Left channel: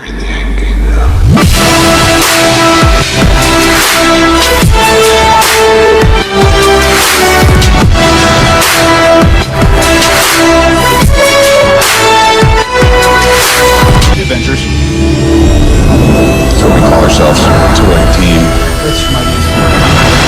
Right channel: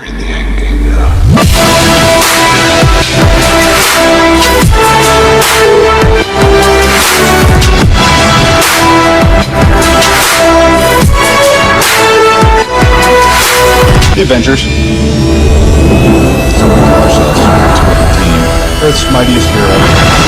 We're in the end game now. The Avengers. That's what we call ourselves. It's a winning team. Earth's mightiest hero.